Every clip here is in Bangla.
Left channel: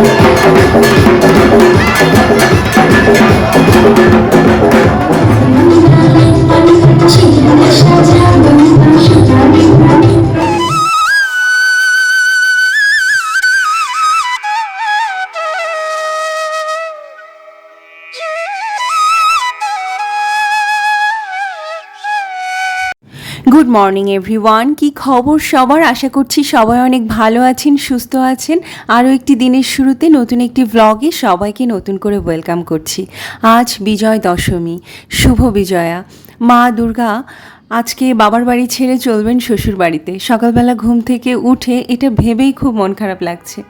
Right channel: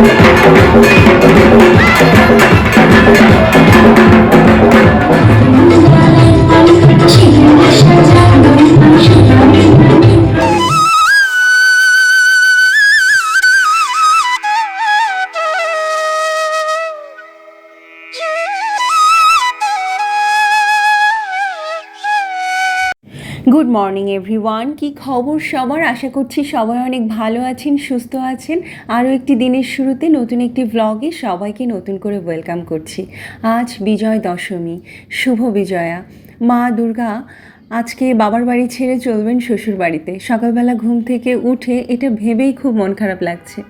Thank you. Good morning everyone কি খবর সবার? আশা করছি সবাই অনেক ভালো আছেন, সুস্থ আছেন। আরও একটি দিনের শুরুতে নতুন একটি ভ্লগে সবাইকে নতুন করে ওয়েলকাম করছি। আজ বিজয় দশমী। শুভ বিজয়া। মা দুর্গা, আজকে বাবার বাড়ি ছেড়ে চলবেন শ্বশুর বাড়িতে। সকালবেলা ঘুম থেকে উঠে এটা ভেবেই খুব মন খারাপ লাগছে।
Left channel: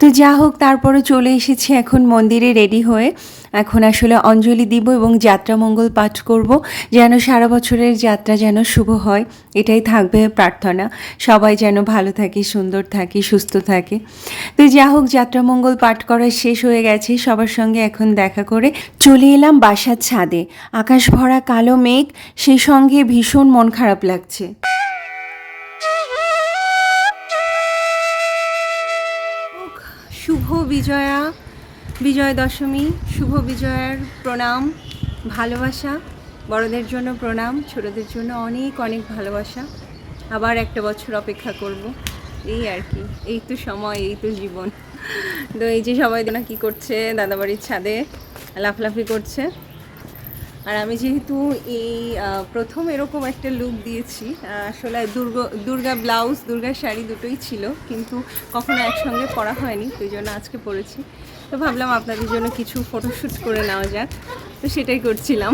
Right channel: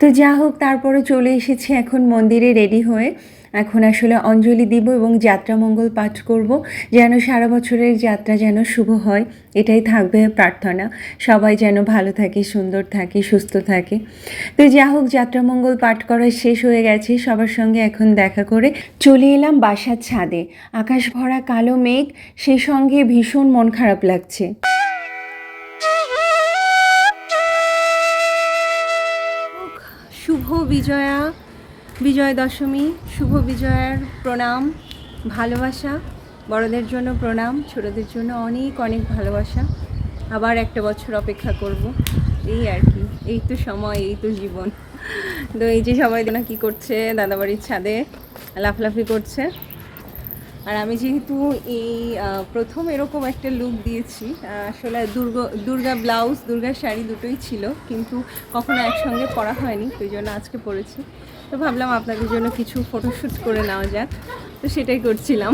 তো যা হোক, তারপরে চলে এসেছি এখন মন্দিরে রেডি হয়ে। এখন আসলে অঞ্জলি দিব এবং যাত্রা মঙ্গল পাঠ করব, যেন সারা বছরের যাত্রা যেন শুভ হয়, এটাই থাকবে প্রার্থনা। সবাই যেন ভালো থাকে, সুন্দর থাকে, সুস্থ থাকে। তো যা হোক, যাত্রা মঙ্গল পাঠ করা শেষ হয়ে গেছে। সবার সঙ্গে এখন দেখা করে চলে এলাম বাসার ছাদে। আকাশ ভরা কালো মেঘ সেই সঙ্গে ভীষণ মন খারাপ লাগছে। শুভ বিজয়া। বিজয় দশমী, শুভ বিজয়ার প্রণাম, ভালোবাসা, বড়দের জন্য প্রণাম, ছোটদের জন্য অনেক অনেক ভালোবাসা। আবার একটা বছর অপেক্ষা করব। এই আর কি, এই তো সময়, এই তো জীবন। তো এই যে সবাই না কি করছে, দাদাবাড়ির ছাদে লাফলাফি করছে। আর আমি যেহেতু এই প্রথম এরকম একটা লুক দিয়েছি, আসলে দুর্গা দুর্গা ব্লাউজ দুর্গা শাড়ি দুটোই ছিল, কিন্তু কখনো একসঙ্গে পরা হয়নি, তো জন্য আজকে পরেছি। তো ভাবলাম আপনাদের জন্য কিছু ফটোশ্যুট করে নেওয়া যাক। তো সেটাই করছিলাম।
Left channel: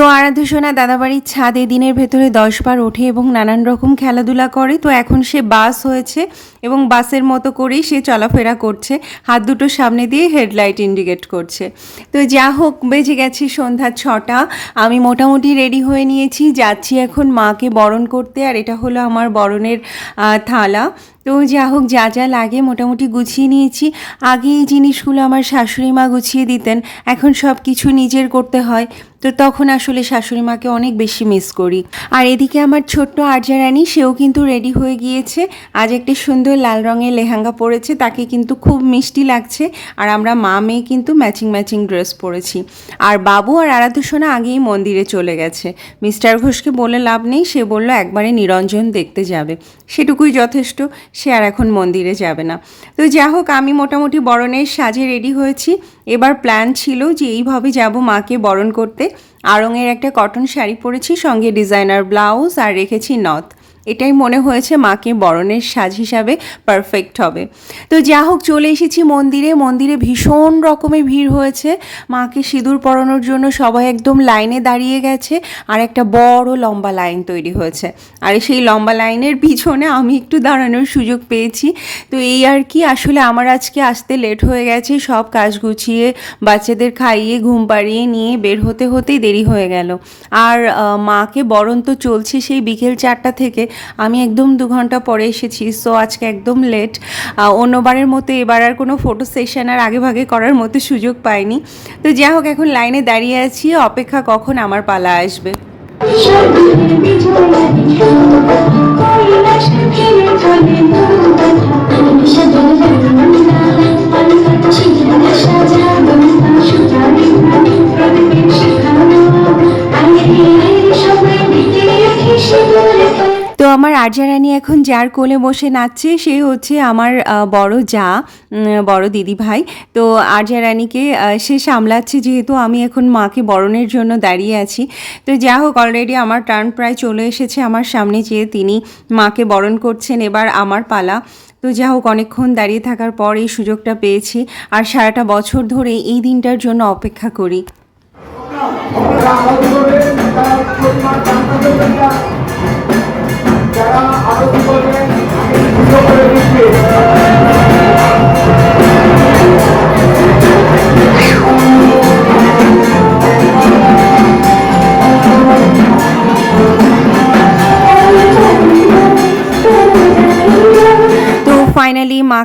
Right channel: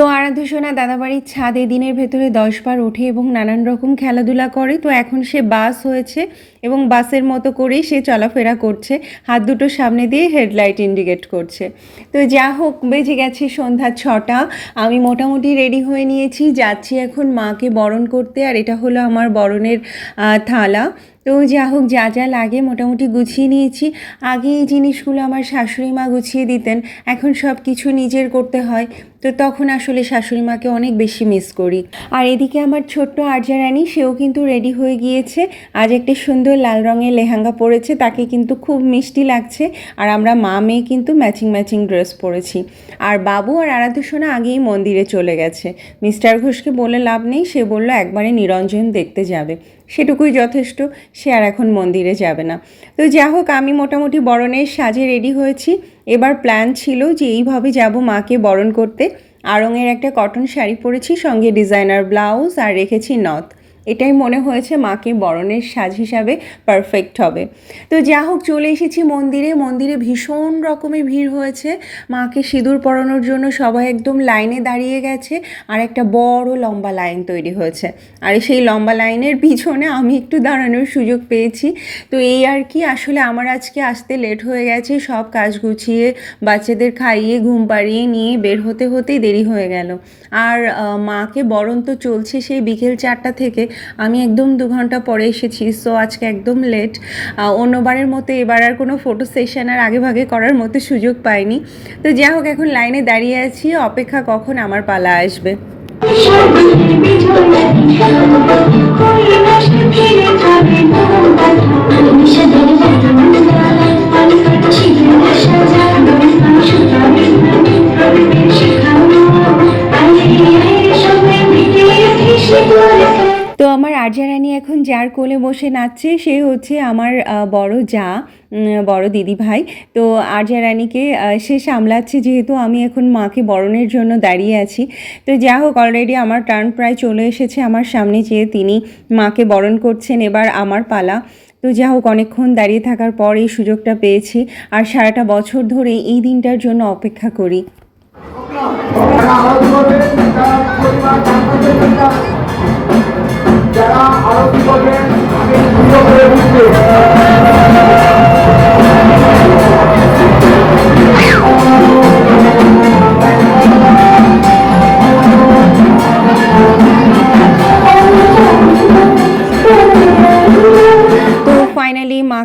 তো আরাধ্য সোনা দাদাবাড়ির ছাদে দিনের ভেতরে দশবার ওঠে এবং নানান রকম খেলাধুলা করে। তো এখন সে বাস হয়েছে এবং বাসের মতো করেই সে চলাফেরা করছে। হাত দুটো সামনে দিয়ে হেডলাইট ইন্ডিকেট করছে। তো যা হোক, বেজে গেছে সন্ধ্যা ছটা। আমি মোটামুটি রেডি হয়ে নিয়েছি। যাচ্ছি এখন মাকে বরণ করতে আর এটা হলো আমার বরণের থালা। তো যা হোক, যা যা লাগে মোটামুটি গুছিয়ে নিয়েছি। আগে এই জিনিসগুলো আমার শাশুড়ি মা গুছিয়ে দিতেন। এখন সব কিছু নিজের করতে হয়। তো তখন আসলে শাশুড়ি মাকে অনেক বেশি মিস করি। আর এদিকে আমার ছোট্ট আর্যা রানী, সেও কিন্তু রেডি হয়ে গিয়েছে। আজ একটি সুন্দর লাল রঙের লেহেঙ্গা পরেছে, তাকে কিন্তু খুব মিষ্টি লাগছে। আর আমরা মা মেয়ে কিন্তু ম্যাচিং ম্যাচিং ড্রেস পরেছি। আর বাবু আর আরাধ্যসোনা আগেই মন্দিরে চলে গেছে। মিস্টার ঘোষকে বলে লাভ নেই, সে বলল, একবারে নিরঞ্জন দেখতে যাবে। সেটুকুই যথেষ্ট, সে আর এখন মন্দিরে যাবে না। তো যা হোক, আমি মোটামুটি বরণের সাজে রেডি হয়েছি। এবার প্ল্যান ছিল যে এইভাবে যাব মাকে বরণ করতে। আড়ংয়ের একটা কটন শাড়ি পরেছি সঙ্গে ডিজাইনার ব্লাউজ আর রেখেছি নথ। এটাই মনে হয়েছে মাকে বরণের সাজ হিসাবে পারফেক্ট হবে। তো যা হোক, চলে এসেছি মন্দিরে। মন্দিরে ভীষণ রকমের ভিড় হয়েছে। মাকে সিঁদুর পরানোর জন্য সবাই একদম লাইনে দাঁড়িয়ে গেছে আর একটা বড় লম্বা লাইন তৈরি হয়েছে। আর সেই লম্বা লাইনের পিছনে আমি একটু দাঁড়ানোর সুযোগ পেয়েছি। তো এই আর কি, আসলে আমার আজকে আসতে লেট হয়ে গেছে। সব কাজ গুছিয়ে, বাচ্চাদের খাইয়ে, ঘুম পাড়িয়ে নিয়ে বের হতে হতেই দেরি হয়ে গেল। আর মাকে বরণ তো চলছে সেই বিকেল চারটা থেকে। আমি একদম দু ঘণ্টা পরে এসেছি সো আজকে একদম লেট অন্যবারের মতো এবার আর কোনো ফটো সেশন আর আগে ভাগে করার মতো সুযোগ পাইনি। তো যা হোক, এখন লাইনে দাঁড়িয়ে আছি, অপেক্ষা কখন আমার পালা আসবে। তো আমার আর্যা রানী এখন যার কোলে বসে নাচছে, সে হচ্ছে আমার বড় যা বড় দিদি ভাই। তো আর্যা রানীকে সে সামলাচ্ছে যেহেতু আমি এখন মাকে বরণের জন্য দাঁড়িয়ে আছি। তো যা হোক অলরেডি আমার টার্ন প্রায় চলে এসেছে আমার সামনে যেয়ে তিনি মাকে বরণ করছেন এবার আমার পালা। তো যা হোক, অনেকক্ষণ দাঁড়িয়ে থাকার পর এই সুযোগটা পেয়েছি আর সারাটা বছর ধরে এই দিনটার জন্য অপেক্ষা করি। যারা আরতি করবেন করে দিচ্ছে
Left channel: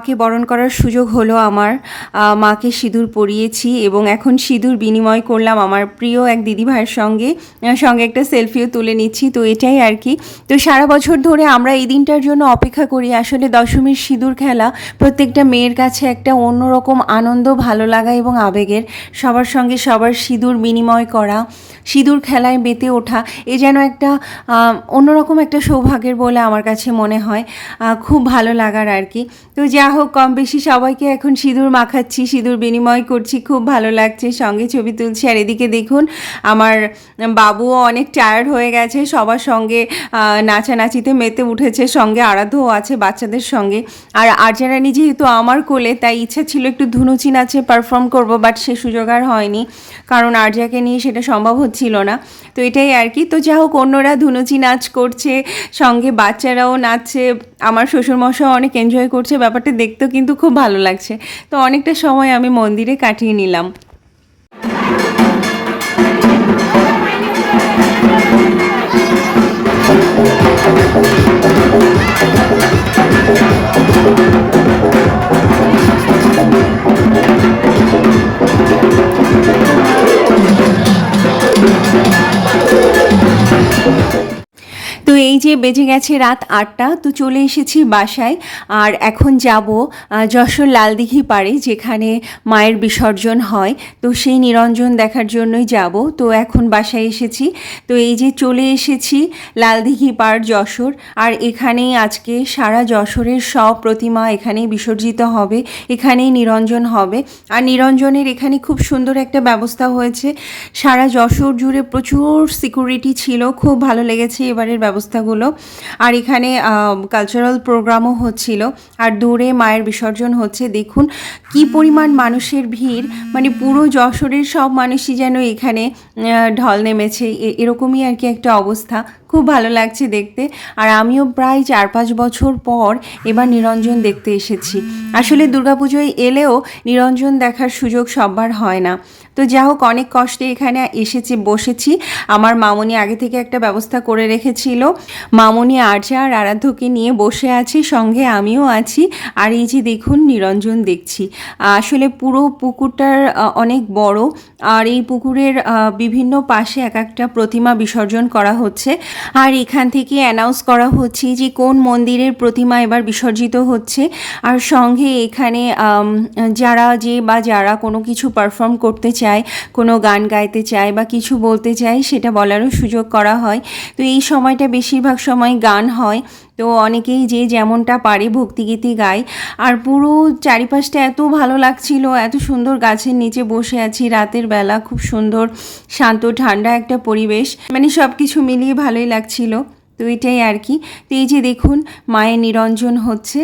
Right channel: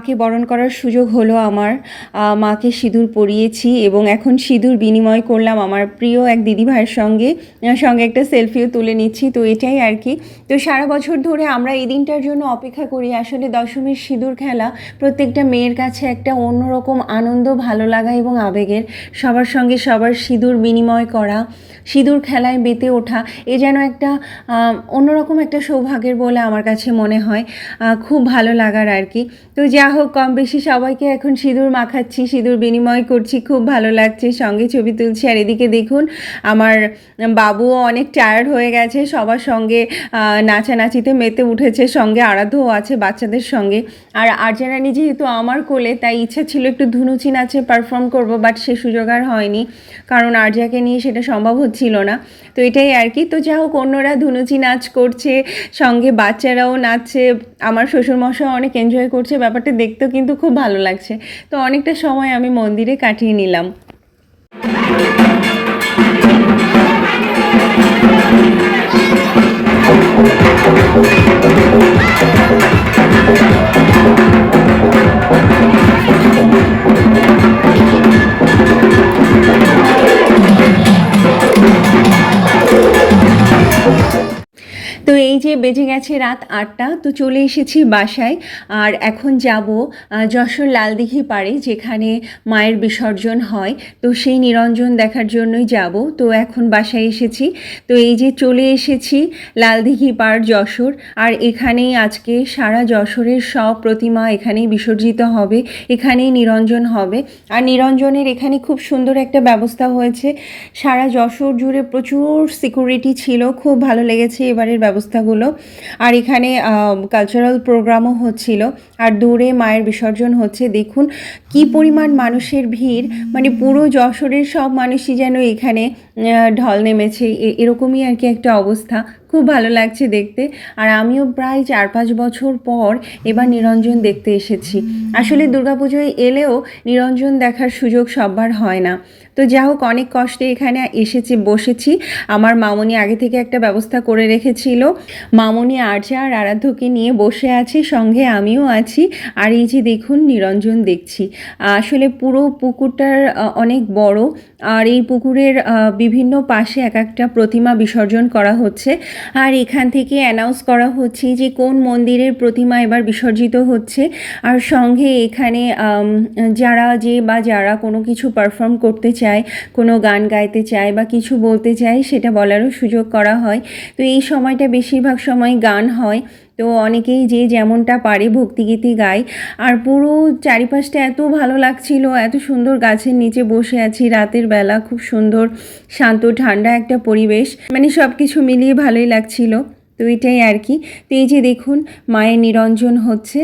মাকে বরণ করার সুযোগ হলো আমার মাকে সিঁদুর পরিয়েছি এবং এখন সিঁদুর বিনিময় করলাম আমার প্রিয় এক দিদি ভাইয়ের সঙ্গে সঙ্গে একটা সেলফিও তুলে নিচ্ছি। তো এটাই আর কি। তো সারা বছর ধরে আমরা এই দিনটার জন্য অপেক্ষা করি। আসলে দশমীর সিঁদুর খেলা প্রত্যেকটা মেয়ের কাছে একটা অন্যরকম আনন্দ, ভালো লাগা এবং আবেগের। সবার সঙ্গে সবার সিঁদুর বিনিময় করা সিঁদুর খেলায় মেতে ওঠা, এ যেন একটা অন্যরকম একটা সৌভাগ্যের বলে আমার কাছে মনে হয়। খুব ভালো লাগার আর কি। তো যা হোক, কম বেশি সবাইকে এখন সিঁদুর মাখাচ্ছি, সিঁদুর বিনিময় করছি, খুব ভালো লাগছে, সঙ্গে ছবি তুলছি। আর এদিকে দেখুন, আমার বাবুও অনেক টায়ার্ড হয়ে গেছে, সবার সঙ্গে নাচানাচিতে মেতে উঠেছে, সঙ্গে আরাধ্যও আছে বাচ্চাদের সঙ্গে। আর আর্জারানি যেহেতু আমার কোলে, তাই ইচ্ছা ছিল একটু ধুনুচি নাচে পারফর্ম করব বাট সে সুযোগ আর হয়নি। কারণ আর্যাকে নিয়ে সেটা সম্ভব হচ্ছিল না। তো এটাই আর কি। তো যা হোক, অন্যরা ধুনুচি নাচ করছে, সঙ্গে বাচ্চারাও নাচছে। আমার শ্বশুরমশাও অনেক এনজয় করছে, ব্যাপারটা দেখতেও কিন্তু খুব ভালো লাগছে। তো অনেকটা সময় আমি মন্দিরে কাটিয়ে নিলাম। তো এই যে বেজে গেছে রাত আটটা, তো চলে এসেছি বাসায়। আর এখন যাব যশোর লালদিঘি পাড়ে, যেখানে মায়ের বিসর্জন হয়। তো সেই নিরঞ্জন দেখার জন্যই যাব। তো এখন বাসায় এসেছি। তো এই যে চলে এসেছি লালদিঘি পাড়, যশোর। আর এখানেই আজকে সারা যশোরের সব প্রতিমা এখানেই বিসর্জিত হবে। এখানেই নিরঞ্জন হবে। আর নিরঞ্জনের এখানে খুব সুন্দর একটা ব্যবস্থা হয়েছে। সারা যশোর জুড়ে প্রচুর সিকিউরিটি ছিল। খুব ভালো লেগেছে এবারের ব্যবস্থাগুলো। আর এখানে কালচারাল প্রোগ্রামও হচ্ছিল। আর দূরে মায়ের বিসর্জন হচ্ছে। দেখুন কি পরিমাণ মানুষের ভিড়। মানে পুরো যশোরের সব মানুষই যেন এখানে ঢল নেমেছে। এরকমই আর কি একটা অবস্থা। খুব ভালো লাগছে দেখতে। আর আমিও প্রায় চার পাঁচ বছর পর এবার নিরঞ্জন দেখতে এসেছি। আসলে দুর্গাপুজোয় এলেও নিরঞ্জন দেখার সুযোগ সববার হয় না। তো যা হোক, অনেক কষ্টে এখানে এসেছি, বসেছি। আমার মামনি আগে থেকে একটা ব্যবস্থা করে রেখেছিল। মামনি আর্যা আর আরাধ্যকে নিয়ে বসে আছে, সঙ্গে আমিও আছি। আর এই যে দেখুন, নিরঞ্জন দেখছি। আসলে পুরো পুকুরটার অনেক বড়। আর এই পুকুরের বিভিন্ন পাশে এক একটা প্রতিমা বিসর্জন করা হচ্ছে। আর এখান থেকে অ্যানাউন্স করা হচ্ছে যে কোন মন্দিরের প্রতিমা এবার বিসর্জিত হচ্ছে। আর সঙ্গে এখানে যারা যে বা যারা কোনো কিছু পারফর্ম করতে চায়, কোনো গান গাইতে চায় বা কিছু বলতে চায়, সেটা বলারও সুযোগ করা হয়। তো এই সময়টা বেশিরভাগ সময় গান হয়। তো অনেকেই যে যেমনটা পারে ভক্তিগীতি গায়। আর পুরো চারিপাশটা এত ভালো লাগছিল, এত সুন্দর গাছের নিচে বসে আছি রাতের বেলা, খুব সুন্দর, শান্ত, ঠান্ডা একটা পরিবেশ। মানে সব কিছু মিলিয়ে ভালোই লাগছিল, তো এটাই আর কি। তো এই যে দেখুন, মায়ের নিরঞ্জন হচ্ছে।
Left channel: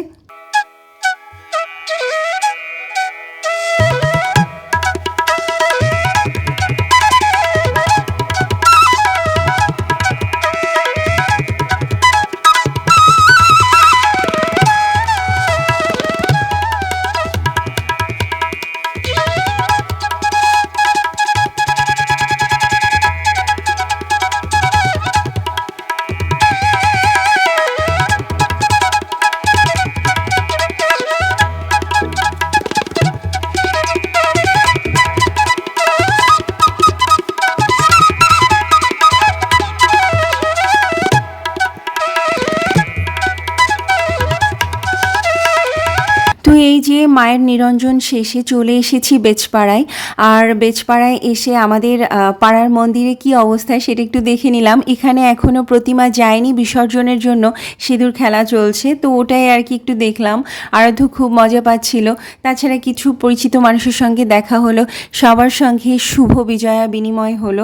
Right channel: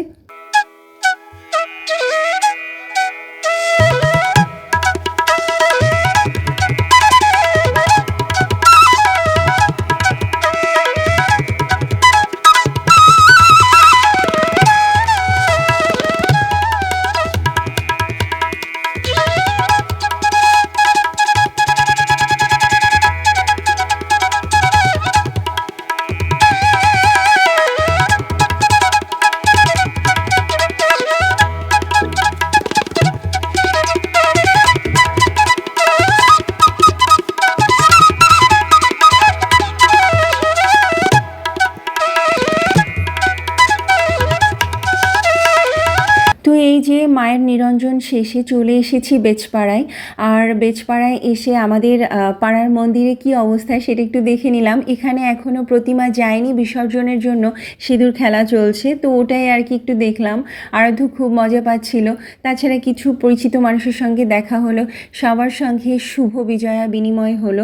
তো এই যে মায়ের নিরঞ্জন শেষে চলে এসেছি বেচপাড়ায় আর বেচপাড়ায় এসে আমাদের পাড়ার মন্দিরে কি অবস্থায় সেটা একটু দেখে নিলাম। এখানে এখনও প্রতিমা যায়নি বিসর্জনের জন্য, সিঁদুর খেলা চলছে, তো ওটাই আর কি একটু দেখলাম। আরাধ্য খুব মজা পাচ্ছিল। তাছাড়া কিছু পরিচিত মানুষের সঙ্গে দেখা হলো, সবার সঙ্গে শুভ বিজয়া বিনিময় হলো।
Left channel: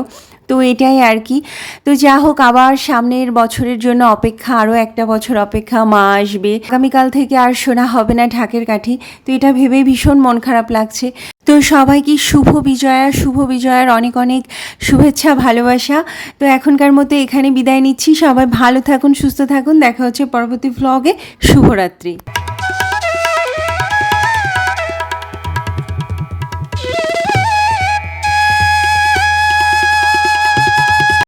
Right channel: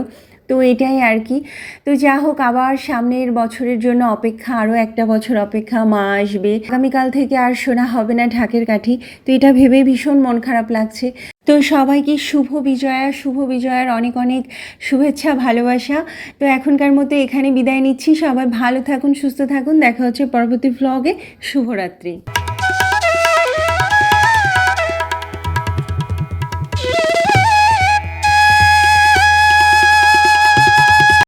তো এটাই আর কি। তো যা হোক, আবার সামনের বছরের জন্য অপেক্ষা আরও একটা বছর অপেক্ষা মা আসবে আগামীকাল থেকে আর শোনা হবে না ঢাকের কাঠি। তো এটা ভেবেই ভীষণ মন খারাপ লাগছে। তো সবাইকে শুভ বিজয়া, শুভ বিজয়ার অনেক অনেক শুভেচ্ছা, ভালোবাসা। তো এখনকার মতো এখানে বিদায় নিচ্ছি। সবাই ভালো থাকুন, সুস্থ থাকুন। দেখা হচ্ছে পরবর্তী ভ্লগে শুভরাত্রি।